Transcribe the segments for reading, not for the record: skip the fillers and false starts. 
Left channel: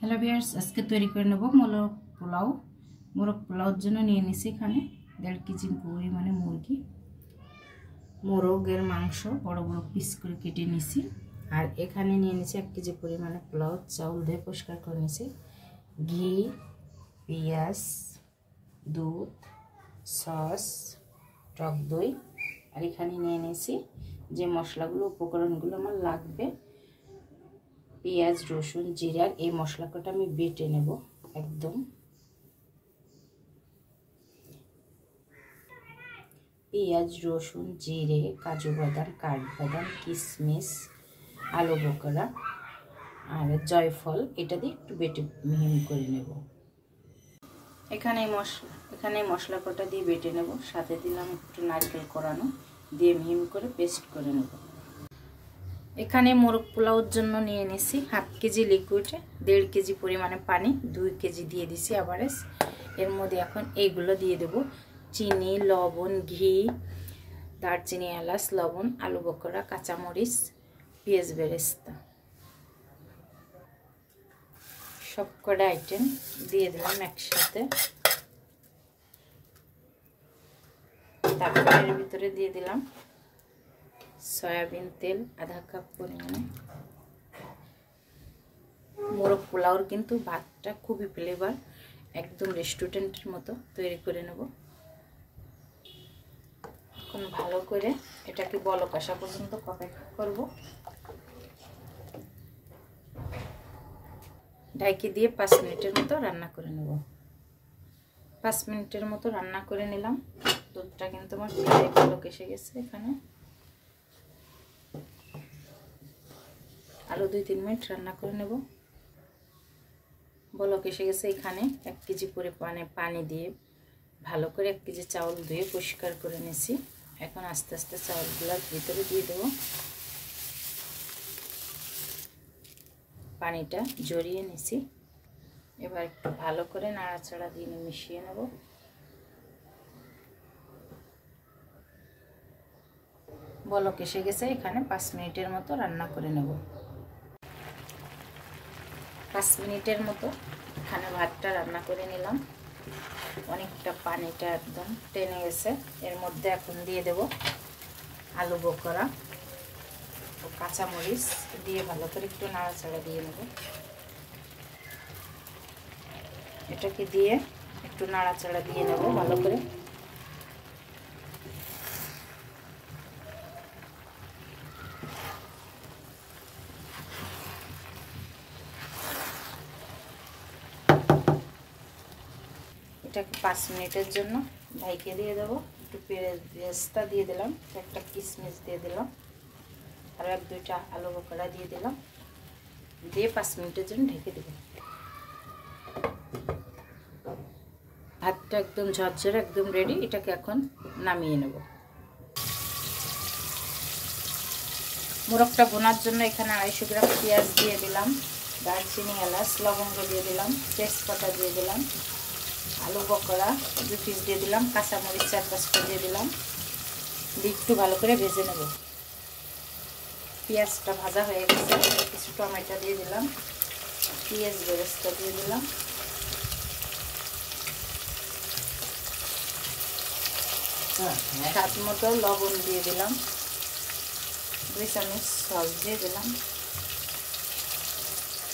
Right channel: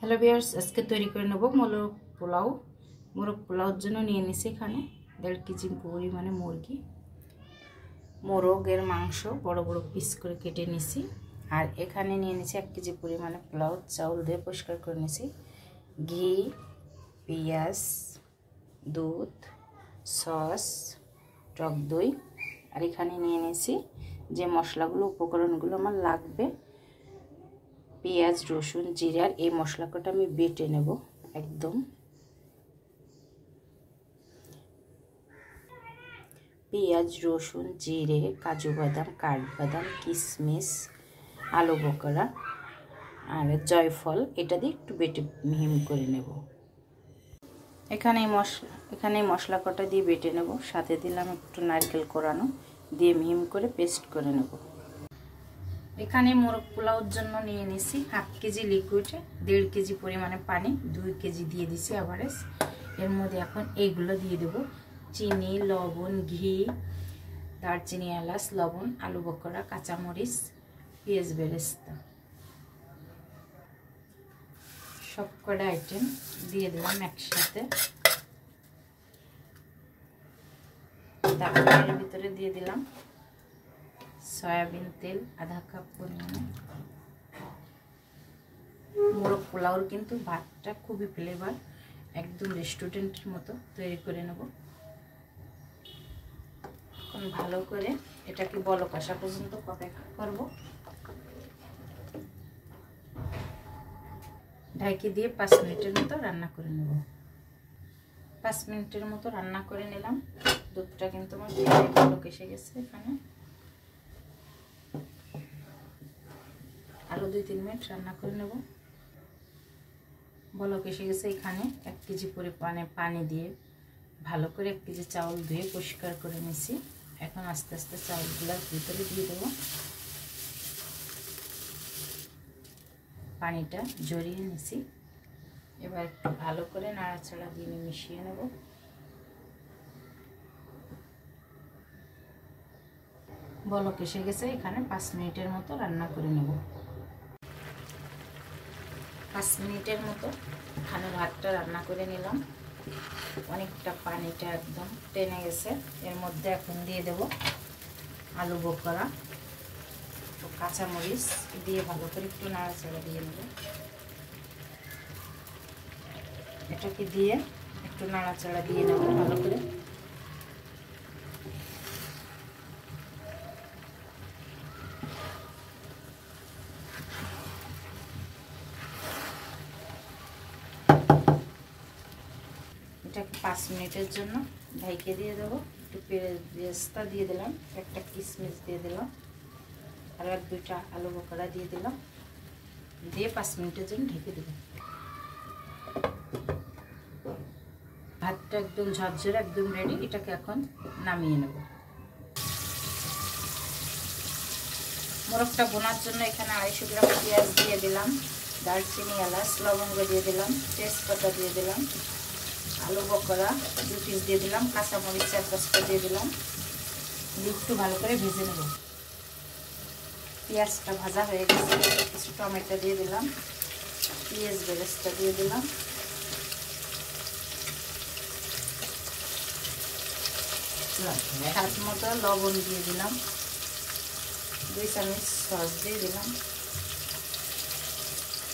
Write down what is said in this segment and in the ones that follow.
Hello viewers, আজকে তৈরি করে নেব মোরগ পোলাও। মোরগ পোলাওর জন্য নিয়ে নিছি এখানে 1.5 কেজি পরিমাণে মুরগি। মোরগের মাংস বড় বড় পিস করে কেটে নিছি। আর এখানে নিয়ে নিছি 1 কেজি পরিমাণে পোলাও চাউল ধুয়ে পরিষ্কার করে নিছি। ঘি, পেঁয়াজ, দুধ, সস, টক দই। আর এখানে নিয়ে নিছি যে মশলাগুলো উপকরণগুলো আমার লাগবে, পেঁয়াজ, রসুন, জিরার এই মশলাটা আমি বেটে নেব একদম। পেঁয়াজ, রসুন, জিরে, কাজু বাদাম, কাঠবাদাম, কিশমিশ, আলু বকরা আর জয়ফল এটা দিয়ে একটু বেটে মিহি করে নেব। এখানে মশলাটা দিয়ে বেটে নেব। সাথে দিলাম একটু নারকেল কোরানো, দিয়ে মিহি করে পেস্ট করে নেব। এখানে মোরগ পোলাওর জন্য নিয়ে নিছি 1/2 কেজি লিকুইডে 1.5 কেজি পরিমাণে পানি, 2 কেজি দিয়ে দিছি এভারেজ। এর মধ্যে এখন এইগুলো দিয়ে দেব: চিনি, লবণ, ঘি, দারচিনি, এলাচ, লবণ, আলু বকরা, কাঁচামরিচ, পেঁয়াজ বেরেস্তা, সব কটা আইটেম দিয়ে দিলাম একসাথে। তারপর এর ভিতরে দিয়ে দিলাম সয়াবিন তেল 1/2 কাপ পরিমাণে। মোরগ পোলাওর কিন্তু ভাতটা খুবই ফ্লেভার, একদম রেস্টুরেন্টের মতো তৈরি করে নেব। এখন ভালো করে এটাকে বলক আসা পর্যন্ত অপেক্ষা করব। ঢাকি দিয়ে 5 মিনিটের মতো রান্না করে নেব। 5 মিনিটের মতো রান্না করে নিলাম। দুধটা কিন্তু আমার বলক এসে গেছে। এখানে আরো 2-3 মিনিট রান্না করে নেব। বলক এসে গেছে। এখানে 1 কেজি পরিমাণে পানি দিয়ে ভালো করে 1 কেজি চাউল ধুয়ে পরিষ্কার করে নিয়েছি। এখন আস্তে আস্তে চাউলগুলোর ভিতরে দিয়ে দেব। পানিটা জড়িয়ে নিয়েছি। এবার একটু ভালো করে নাড়াচাড়া দিয়ে মিশিয়ে নেব। বলক এসে গেছে। এখানে 5 মিনিটের মতো রান্না করে নেব। 5 মিনিটের মতো এখানে ভাতটা রান্না করে নিলাম। অনেকটা পানিটা একদম টেনে গেছে। এর মধ্যে এখন দিয়ে দেব আলু বকরা, কাঁচামরিচ দিয়ে ভালো করে একটু নাড়াচাড়া দিয়ে নেব। এটাকে দিয়ে একটু নাড়াচাড়া দিয়ে নেব ভালো করে। এটাকে 5 মিনিটের জন্য ঢেকে দিয়ে দেবো। একটু পেঁয়াজটা দিয়ে দিলাম, একটা কিশমিশ দিয়ে দিলাম, আর 1-2টা আলু বকরা দিয়ে দিলাম, দিয়ে 5 মিনিটের জন্য ঢেকে দেব। ভাতটা একদম ঝরঝরে, একদম রেডি। এটাকে এখন নামিয়ে নেব। মোরগটা বোনার জন্য এখানে 250 গ্রাম পেঁয়াজ দিয়ে দিলাম, দারচিনি, এলাচ, লবঙ্গ দিয়ে দিলাম, তেজপাতা দিয়ে দিলাম, আলু বকরা 2 পিস দিয়ে দিলাম, কাঁচামরিচ 4-5টা দিয়ে দিলাম, দিয়ে একটু ভালো করে ভেজে নেব। পেঁয়াজটা ভাজা হয়ে গেছে। কিছু টমেটো দিয়ে দিলাম, পেঁয়াজ বেরেস্তা দিয়ে দিলাম, স্বাদ মতো লবণ দিয়ে দিলাম, 2 চামচ সস দিয়ে দিলাম,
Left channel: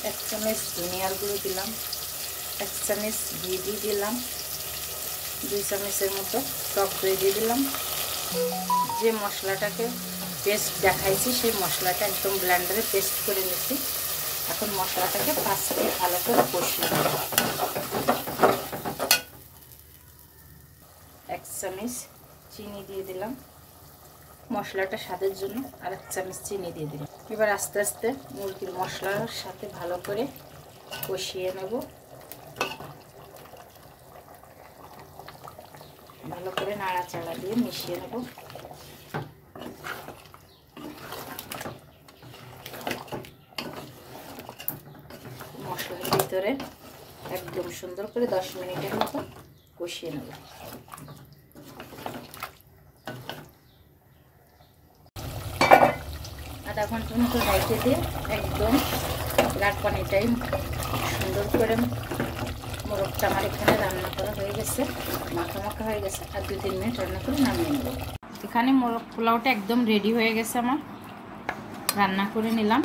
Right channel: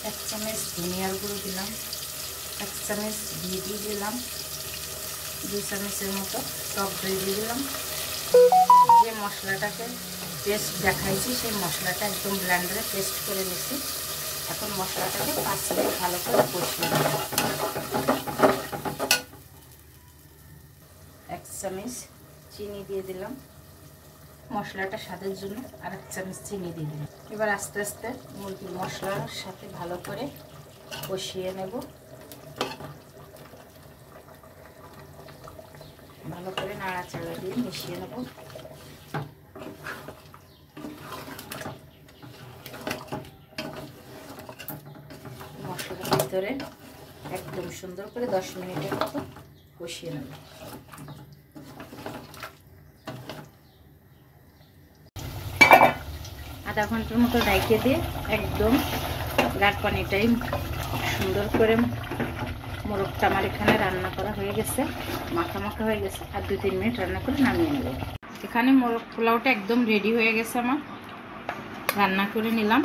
1 চামচ ধনিয়ার গুঁড়ো দিলাম, 1 চামচ ঘি দিয়ে দিলাম, 2 চামচের মতো টক দই দিয়ে দিলাম। যে মশলাটাকে পেস্ট দেখাইছি সেই মশলাটা একদম ব্লেন্ডারে পেস্ট করে নিয়েছি। এখন মশলাটাকে 5 মিনিট ভালো করে কষিয়ে নেব। 1 চামচ চিনি দিয়ে দিলাম, মশলাটা স্বাদের জন্য আর 1 চামচ চিনি দিয়ে দিলাম। এবার আস্তে আস্তে মুরগির মশলার সাথে ভালো করে কষিয়ে নেব। ভালো করে নাড়াচাড়া দিয়ে মিশিয়ে নেব। মশলার ভিতরে একদম সুন্দর করে 10 মিনিটের মতো কষিয়ে নেব। আধা ঘন্টার মতো ঢেকে দিয়ে একদম গাঢ় পানিটাই সুন্দর করে মোরগটা আমার এখানে রান্না করা হয়ে গেছে, মাখা মাখা হয়ে গেছে। আর 2-3 মিনিট রান্না করে নামিয়ে নেব। এখানে মোরগ পোলাওটা একদম রেডি হয়ে গেছে আমার, রান্না করে নিলাম।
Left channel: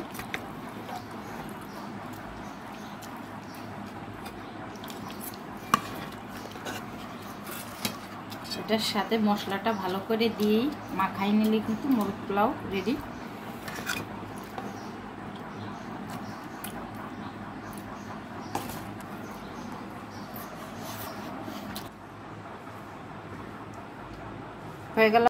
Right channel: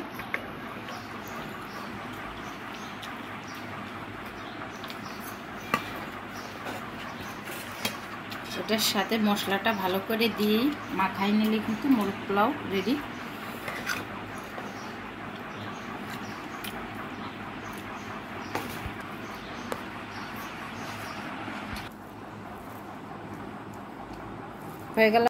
এটার সাথে মশলাটা ভালো করে দিয়েই মাখাই নিলে কিন্তু মোরগ পোলাও রেডি। হয়ে গেল।